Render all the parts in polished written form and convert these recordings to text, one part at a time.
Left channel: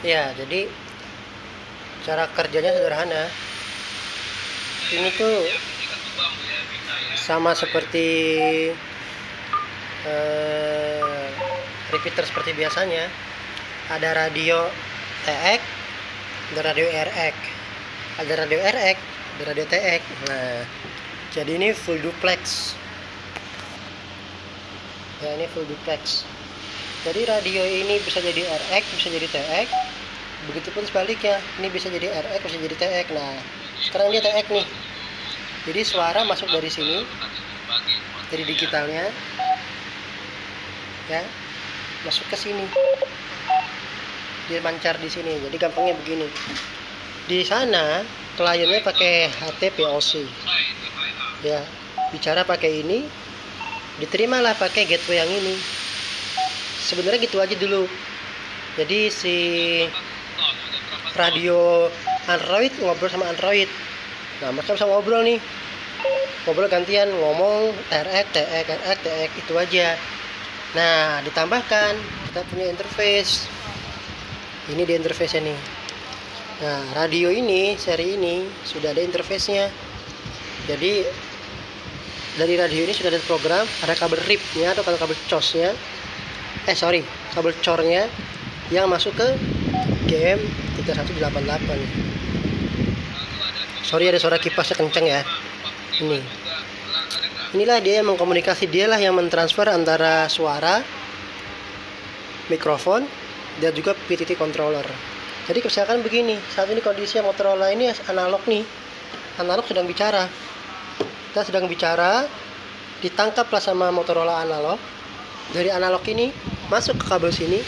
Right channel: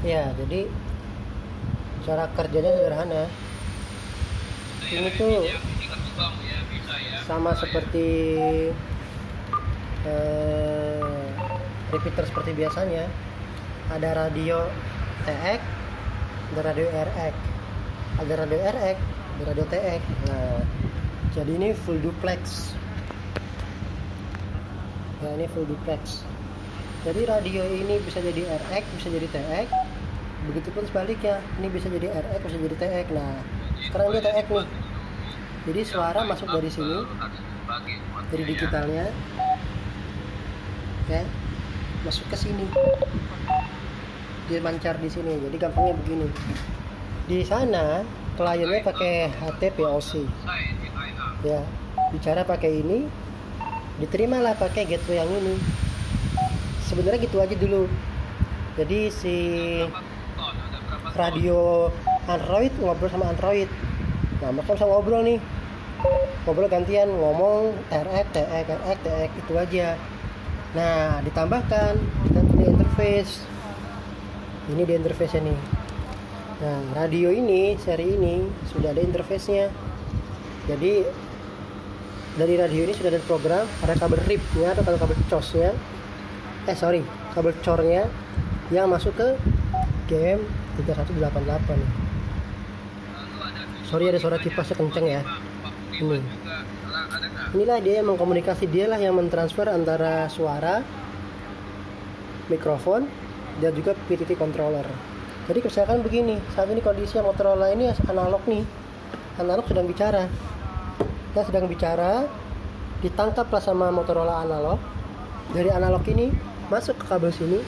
Ya, jadi cara kerjanya sederhana. Ini tuh sama seperti eh, repeater seperti biasanya. Ada radio TX, ada radio RX, ada radio RX, ada radio TX. Nah, jadi ini full duplex. Ya, ini full duplex. Jadi radio ini bisa jadi RX, bisa jadi TX. Begitupun sebaliknya, ini bisa jadi RX, bisa jadi TX. Nah, sekarang dia TX nih. Jadi suara masuk dari sini, dari digitalnya, ya, masuk ke sini. Dia mancar di sini. Jadi gampangnya begini. Di sana kliennya pakai HTPOC. Ya, bicara pakai ini, diterimalah pakai gateway yang ini. Sebenarnya gitu aja dulu. Jadi si radio Android ngobrol sama Android. Nah, mereka bisa ngobrol nih. Ngobrol gantian ngomong RX, TX, RX, TX itu aja. Nah, ditambahkan kita punya interface. Ini di interface-nya nih. Nah, radio ini, seri ini sudah ada interface-nya. Jadi dari radio ini sudah ada program, ada kabel RIP-nya atau kabel COS-nya. Kabel COR-nya yang masuk ke GM 3188. Sorry ada suara kipasnya kenceng ya. Inilah dia yang mengkomunikasi, dialah yang mentransfer antara suara, mikrofon, dan juga PTT controller. Jadi misalkan begini, saat ini kondisi Motorola ini analog nih, analog sedang bicara. Kita sedang bicara, ditangkaplah sama Motorola analog. Dari analog ini masuk ke kabel sini,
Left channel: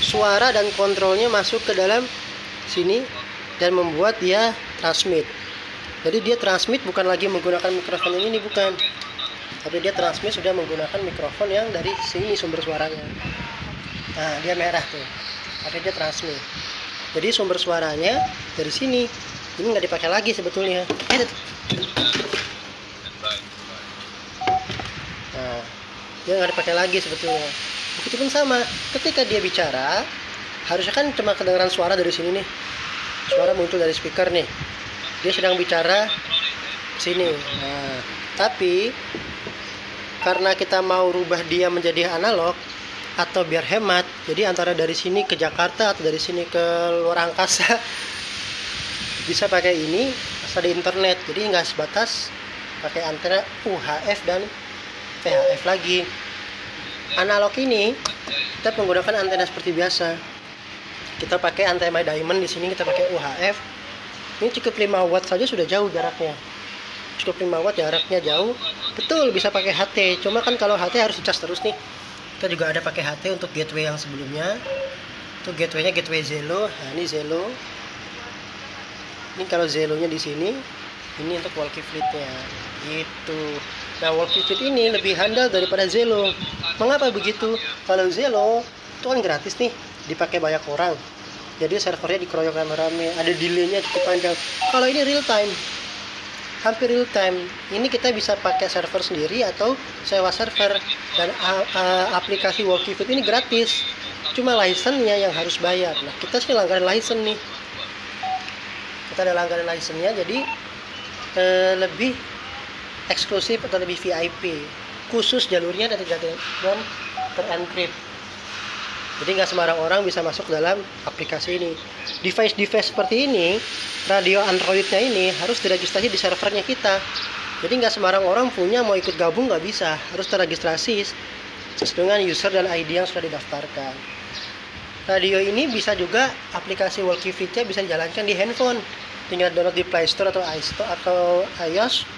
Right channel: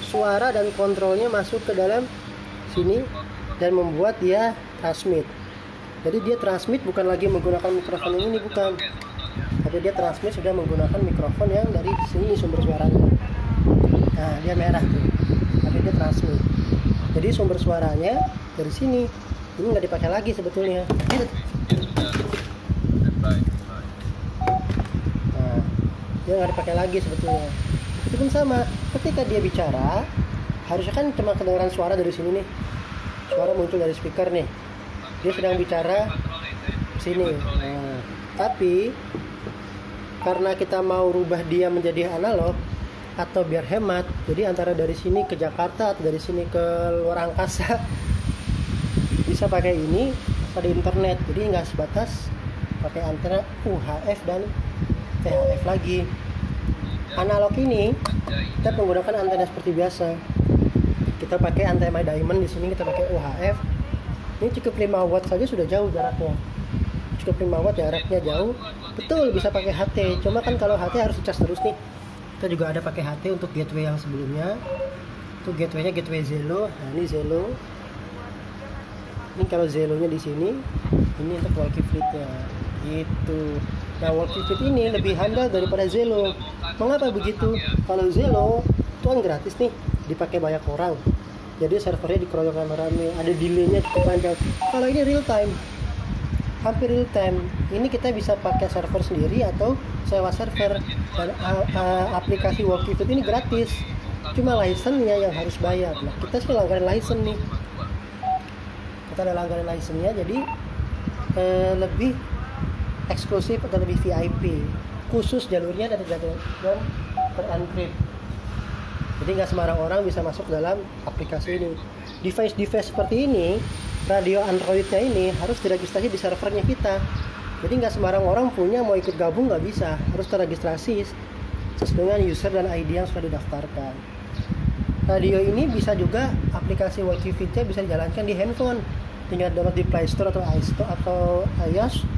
suara dan kontrolnya masuk ke dalam sini dan membuat dia transmit. Jadi dia transmit bukan lagi menggunakan mikrofon yang ini, bukan, tapi dia transmit sudah menggunakan mikrofon yang dari sini sumber suaranya. Nah, dia merah tuh, tapi dia transmit. Jadi sumber suaranya dari sini, ini nggak dipakai lagi sebetulnya. Nah, dia nggak dipakai lagi sebetulnya. Begitupun sama, ketika dia bicara, harusnya kan cuma kedengaran suara dari sini nih. Suara muncul dari speaker nih. Dia sedang bicara sini. Nah, tapi karena kita mau rubah dia menjadi analog atau biar hemat, jadi antara dari sini ke Jakarta atau dari sini ke luar angkasa bisa pakai ini, ada internet. Jadi nggak sebatas pakai antena UHF dan VHF lagi. Analog ini kita menggunakan antena seperti biasa. Kita pakai antena diamond, di sini kita pakai UHF. Ini cukup 5 watt saja sudah jauh jaraknya. Cukup 5 watt jaraknya jauh. Betul bisa pakai HT. Cuma kan kalau HT harus dicas terus nih. Kita juga ada pakai HT untuk gateway yang sebelumnya. Itu gateway-nya gateway Zelo. Nah, ini Zelo. Ini kalau Zelo-nya di sini, ini untuk walkie fleet-nya. Gitu. Nah, walkie fleet ini lebih handal daripada Zelo. Mengapa begitu? Kalau Zelo itu kan gratis nih, dipakai banyak orang. Jadi servernya dikeroyok rame-rame, ada delay-nya cukup panjang. Kalau ini real time, hampir real time. Ini kita bisa pakai server sendiri atau sewa server. Dan aplikasi walkie fleet ini gratis. Cuma license-nya yang harus bayar. Nah, kita sih langganan license nih. Kita ada langganan license-nya, jadi lebih eksklusif atau lebih VIP. Khusus jalurnya dan terencrypt. Jadi nggak sembarang orang bisa masuk dalam aplikasi ini. Device seperti ini, radio Androidnya ini harus diregistrasi di servernya kita. Jadi nggak sembarang orang punya, mau ikut gabung nggak bisa. Harus terregistrasi sesuai dengan user dan ID yang sudah didaftarkan. Radio ini bisa juga aplikasi walkie fleet-nya bisa dijalankan di handphone. Tinggal download di Play Store atau iOS,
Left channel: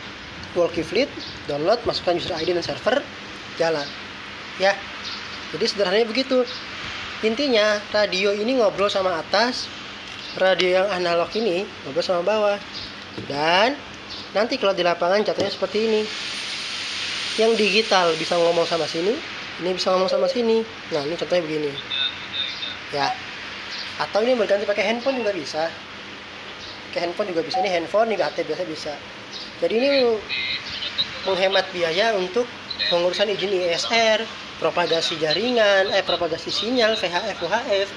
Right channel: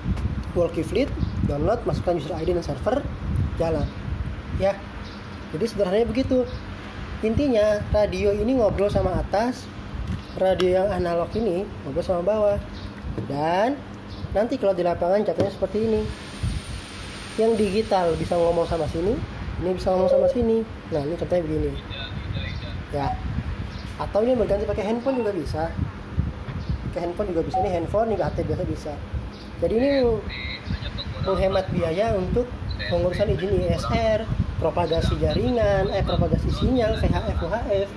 walkie fleet, download, masukkan user ID dan server, jalan. Ya, jadi sederhananya begitu. Intinya radio ini ngobrol sama atas, radio yang analog ini ngobrol sama bawah. Dan nanti kalau di lapangan contohnya seperti ini. Yang digital bisa ngomong sama sini, ini bisa ngomong sama sini. Nah, ini contohnya begini. Ya. Atau ini berganti pakai handphone juga bisa. Pakai handphone juga bisa. Ini handphone, ini HT biasa bisa. Jadi ini menghemat biaya untuk pengurusan izin ISR, propagasi jaringan, propagasi sinyal, VHF, UHF,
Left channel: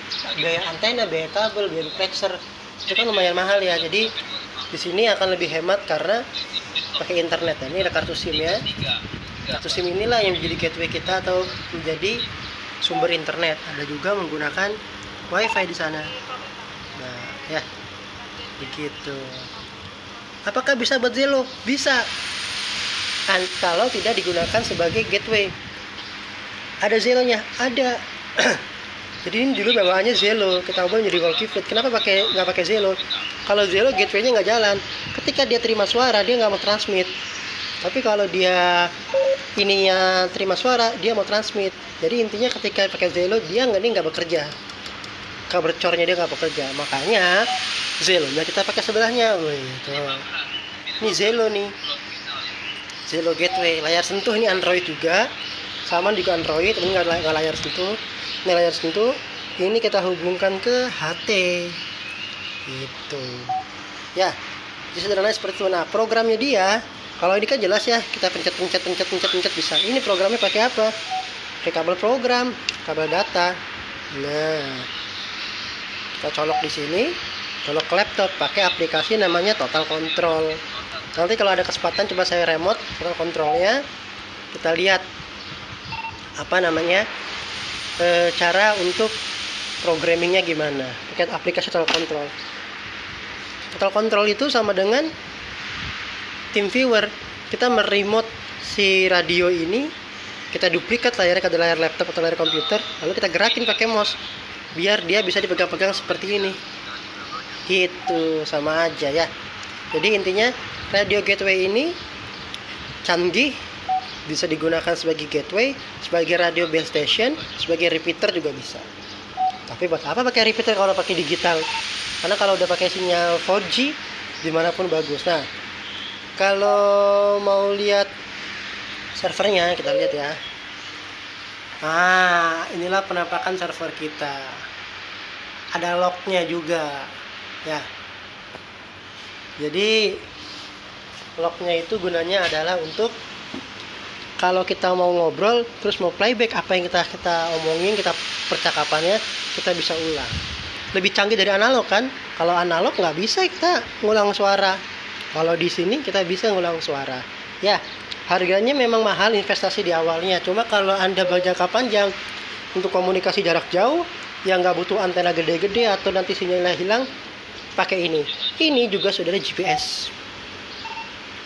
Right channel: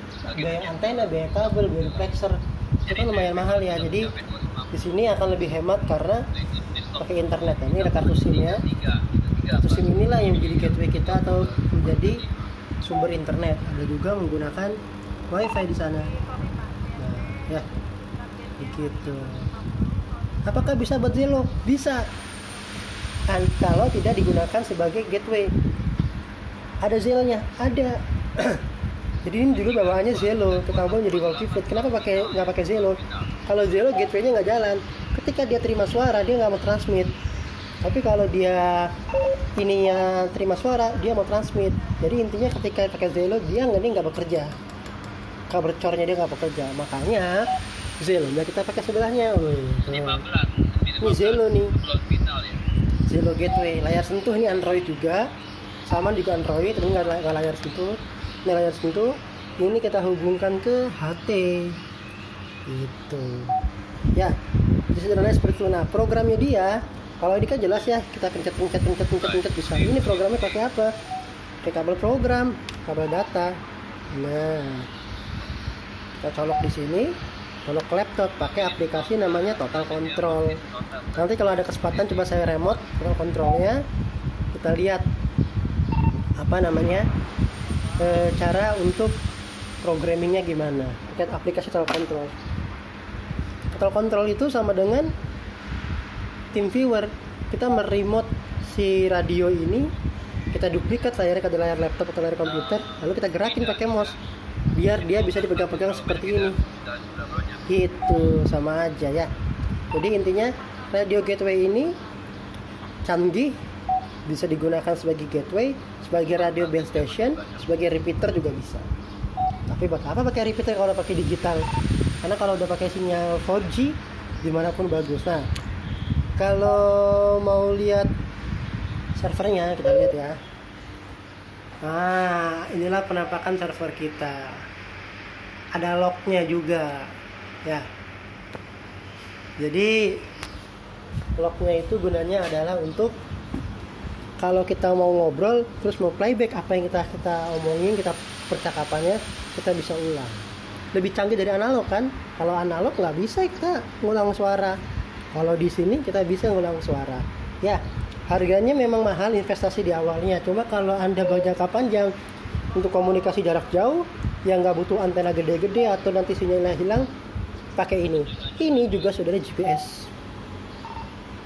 biaya antena, biaya kabel, biaya duplexer, itu kan lumayan mahal ya. Jadi di sini akan lebih hemat karena pakai internet. Nah, ini ada kartu SIM ya. Kartu SIM inilah yang menjadi gateway kita atau menjadi sumber internet. Ada juga menggunakan WiFi di sana. Nah, ya, begitu. Apakah bisa buat Zelo? Bisa. Kalau tidak digunakan sebagai gateway. Ada Zelonya, ada. Jadi ini dulu bawaannya Zelo, kita ubah menjadi Walkifeed. Kenapa nggak pakai Zelo? Kalau Zelo gateway-nya nggak jalan. Ketika dia terima suara, dia nggak mau transmit. Tapi kalau dia ininya terima suara, dia mau transmit. Jadi intinya ketika pakai Zelo, dia nggak bekerja. Kabel cornya dia nggak bekerja. Makanya Zelonya kita pakai sebelahnya. Wih, tuh. Ini Zelo nih. Zelo gateway, layar sentuh, ini Android juga. Sama juga Android, tapi nggak layar sentuh. Ini layar sentuh, ini kita hubungkan ke HT gitu ya. Jadi sederhana seperti itu. Nah, programnya dia, kalau ini kan jelas ya, kita pencet bisa. Ini programnya pakai apa? Pakai kabel program, kabel data. Nah, kita colok di sini, colok ke laptop, pakai aplikasi namanya Total Control. Nanti kalau ada kesempatan coba saya remote Total Controlnya, kita lihat apa namanya cara untuk programmingnya gimana pakai aplikasi Total Control. Total Control itu sama dengan TeamViewer. Kita meremote si radio ini, kita duplikat layarnya ke layar laptop atau layar komputer, lalu kita gerakin pakai mouse biar dia bisa dipegang-pegang seperti ini gitu. Sama aja ya. Jadi intinya radio gateway ini canggih, bisa digunakan sebagai gateway, sebagai radio base station, sebagai repeater juga bisa. Tapi buat apa pakai repeater kalau pakai digital? Karena kalau udah pakai sinyal 4G dimanapun bagus. Nah, kalau mau lihat servernya, kita lihat ya. Nah, inilah penampakan server kita. Ada lognya juga ya. Jadi lognya itu gunanya adalah untuk kalau kita mau ngobrol terus mau playback apa yang kita omongin, kita percakapannya, kita bisa ulang. Lebih canggih dari analog kan? Kalau analog nggak bisa kita ngulang suara. Kalau di sini kita bisa ngulang suara. Ya, harganya memang mahal investasi di awalnya. Cuma kalau Anda berjangka panjang untuk komunikasi jarak jauh yang nggak butuh antena gede-gede atau nanti sinyalnya hilang, pakai ini. Ini juga sudah ada GPS.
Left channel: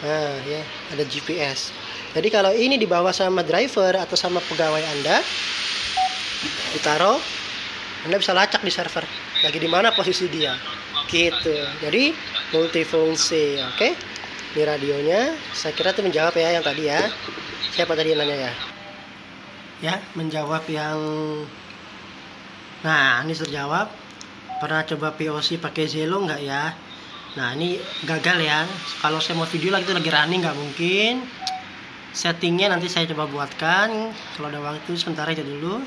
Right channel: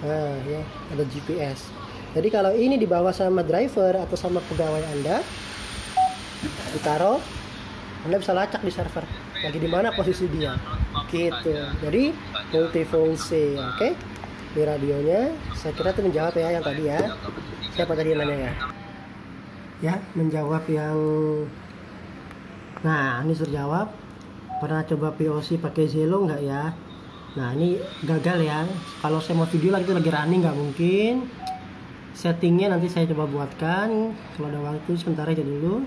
Nah, ya, ada GPS. Jadi kalau ini dibawa sama driver atau sama pegawai Anda, ditaruh, Anda bisa lacak di server. Lagi di mana posisi dia, gitu. Jadi multifungsi, oke? Di radionya, saya kira itu menjawab ya yang tadi ya. Siapa tadi yang nanya ya? Ya, menjawab yang. Nah, ini terjawab. Pernah coba POC pakai Zelo nggak ya? Nah, ini gagal ya. Kalau saya mau video lagi itu lagi running nggak mungkin. Settingnya nanti saya coba buatkan kalau ada waktu, sebentar aja dulu.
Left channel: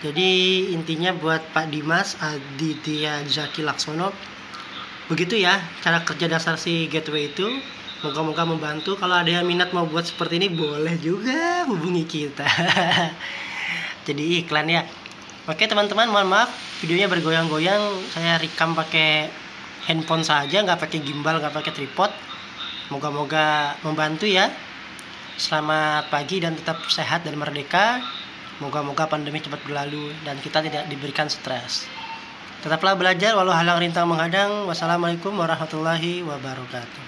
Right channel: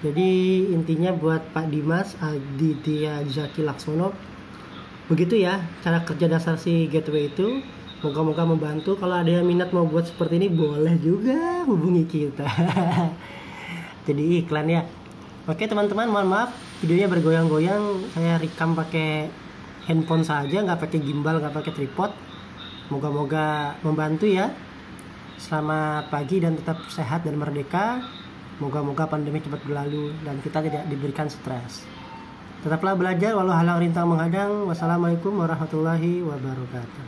Jadi intinya buat Pak Dimas Aditya Zaki Laksono, begitu ya cara kerja dasar si gateway itu. Moga-moga membantu. Kalau ada yang minat mau buat seperti ini, boleh juga hubungi kita. Jadi iklan ya. Oke teman-teman, mohon maaf videonya bergoyang-goyang. Saya rekam pakai handphone saja, nggak pakai gimbal, nggak pakai tripod. Moga-moga membantu ya. Selamat pagi dan tetap sehat dan merdeka. Moga-moga pandemi cepat berlalu dan kita tidak diberikan stres. Tetaplah belajar walau halang rintang menghadang. Wassalamualaikum warahmatullahi wabarakatuh.